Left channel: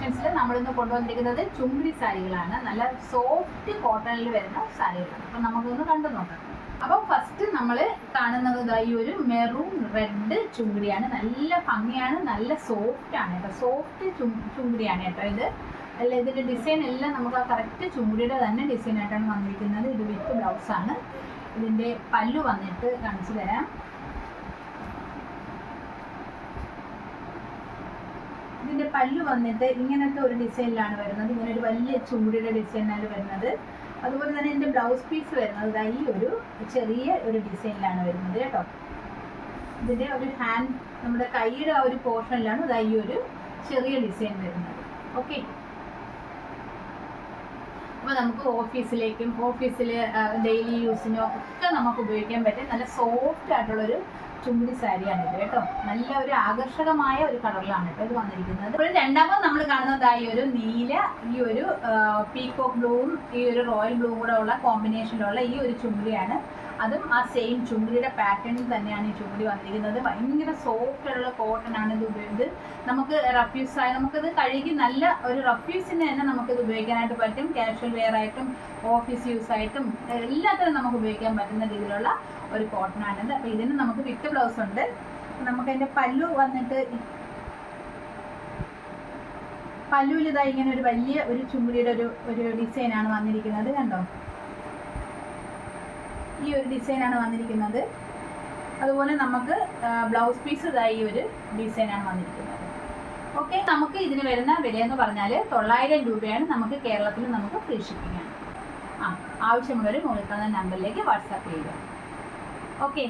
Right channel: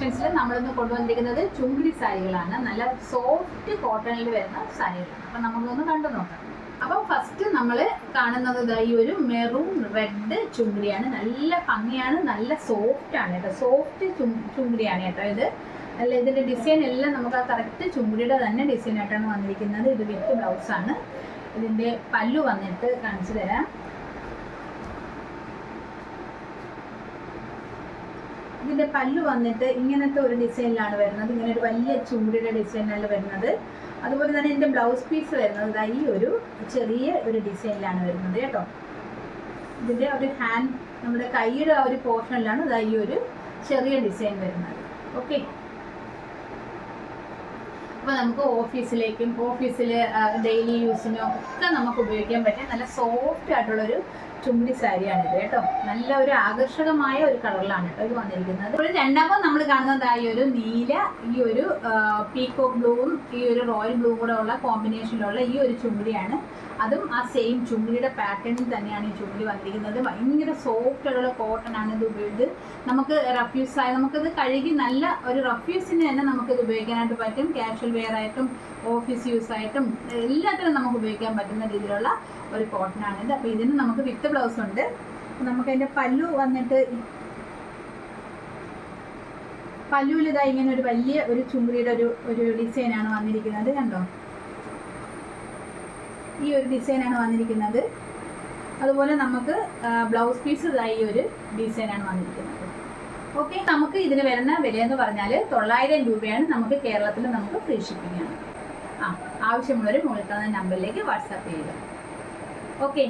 കളക്ഷൻസിൽ നമ്മളിന്ന് കൊണ്ടുവന്നിരിക്കുന്നത് ചുങ്കിടി സാരികളാണ്. നല്ല സോഫ്റ്റ് കോട്ടണിൽ വരുന്ന സാരികളാണ്. അപ്പം നമുക്കൊന്ന് കണ്ടു നോക്കാം. അപ്പോൾ ഫസ്റ്റ് നമ്മൾ കാണുന്നത് ഈ ഒരു മെറൂൺ റെഡ് ചുങ്കിടിയാണ്. നല്ല ഭംഗിയാണ്, നല്ല സോഫ്റ്റ് ആണ് കേട്ടോ. സോഫ്റ്റ് ചുങ്കിടിയാണ് കേട്ടോ ഇത്. അല്ല, ഇതിൻ്റെ ഡിസൈൻ എല്ലാം നമുക്ക് ആ കറക്റ്റ് ചുങ്കിടിയുടെ തന്നെ ഡിസൈനായിട്ടാണ് വന്നിരിക്കുന്നത്. ഇത് വിത്ത് ബ്ലൗസാണ്. ഇതിൻ്റെ പല്ലു വന്നിട്ട് കാണിച്ചു തരാം. ഇതിൻ്റെ പല്ലു വന്നിട്ട് ഇങ്ങനത്തെ ഒരു ഡിസൈനിലാണ് വരുന്നത്. ഇങ്ങനെ ഒരു വലിയ ചുണ്ടിയുടെ ഡിസൈനിലാണ് വരുന്നത്. അതുപോലെ തന്നെ ഇതിൻ്റെ ബ്ലൗസ് പീസ് വരുന്നത് ഈ ഒരു ചെറിയ ഒരു ഡിസൈനിലാണ് വരുന്നത് കേട്ടോ. ഇതിൻ്റെ ഒരു ഹാൻഡ്, നമ്മുടെ കൈയുടെ ആ ഒരു പോർഷനിലാണ് ഈ ഒരു ചെറിയ ഡിസൈൻ വരുന്നത്. ഓക്കെ, അപ്പോൾ നമുക്ക് ഓഫീസിലേക്കും ഓഫീസിൽ ഡെയിലി യൂസിനോ ഒക്കെ നമുക്ക് ഉപയോഗിക്കാൻ പറ്റിയ നല്ല സോഫ്റ്റ് ആയിട്ടുള്ളൊരു ചുണ്ടി സാരിയാണിത് കേട്ടോ. നല്ല ഒരു ആകർഷകമായ ഒരു കളറിലാണ് കേട്ടോ ഇത് വന്നിരിക്കുന്നത്. ഇപ്പോൾ രണ്ടാമത് നമ്മൾ കാണുന്നത് ഈ ഒരു നീല, ഈ ഒരു പീകോക്ക് ബ്ലൂവും ഈ ഒരു റോയൽ ബ്ലൂവും കൂടെ ഉള്ള കോമ്പിനേഷനിലുള്ള ഈ ഒരു ചുണ്ടിയാണ്. അതും ആ സെയിം ചുണ്ടിയുടെ പാറ്റേണിൽ തന്നെയാണ് ഈ ചുണ്ടി വന്നിരിക്കുന്നത്. ഭയങ്കര സോഫ്റ്റ് ആയിട്ടുള്ള കോട്ടൺ ആണ് ഇത് ഉപയോഗിച്ച് നമുക്ക് റഫ്യൂസായി നമുക്കിത് കഴുകി നല്ല ഒരു റഫ്യൂസിന് തന്നെ നമുക്കിത് ഉപയോഗിക്കാനായിട്ട് പറ്റും. കാഷ്വൽ വെയർ ആയിട്ടും ഓഫീസ് യൂസ് ആയിട്ടും എല്ലാത്തിനും നമുക്ക് ഉപയോഗിക്കാൻ പറ്റുന്ന രീതിയിലുള്ള ഒരു കോട്ടൺ ആണിത്. അപ്പോൾ ഇതിന് നമുക്ക് വിത്ത് ബ്ലൗസ് ഉണ്ട്. നമുക്ക് അതിൻ്റെ പല്ലു വന്നിട്ട് പല്ലുവിൽ ഇതാ ഇങ്ങനെ ഒരു വലിയ ഒരു ചുണ്ടിയുടെ ഒരു ഡിസൈനാണ് വന്നിരിക്കുന്നത്. കണ്ടോ, ഈ ഒരു ഡിസൈനാണ് വന്നിരിക്കുന്നത്. അതുപോലെ നമുക്ക് ബ്ലൗസ് പീസ് ഇതായി ഒരു ഡിസൈനാണ് വന്നിരിക്കുന്നത്. ഓക്കെ, നമുക്ക് ഇതിന് വരുന്ന വിലയെന്ന് പറഞ്ഞാൽ 900 രൂപയാണ്. നമുക്ക് കേരളത്തിൽ നമുക്ക് ഫ്രീ ഷിപ്പിംഗ് ആണ്. ആവശ്യമുള്ളവർ മുകളിൽ തന്ന നമ്പറിലേക്ക് വാട്സാപ്പ് ചെയ്യുക. ഓക്കെ.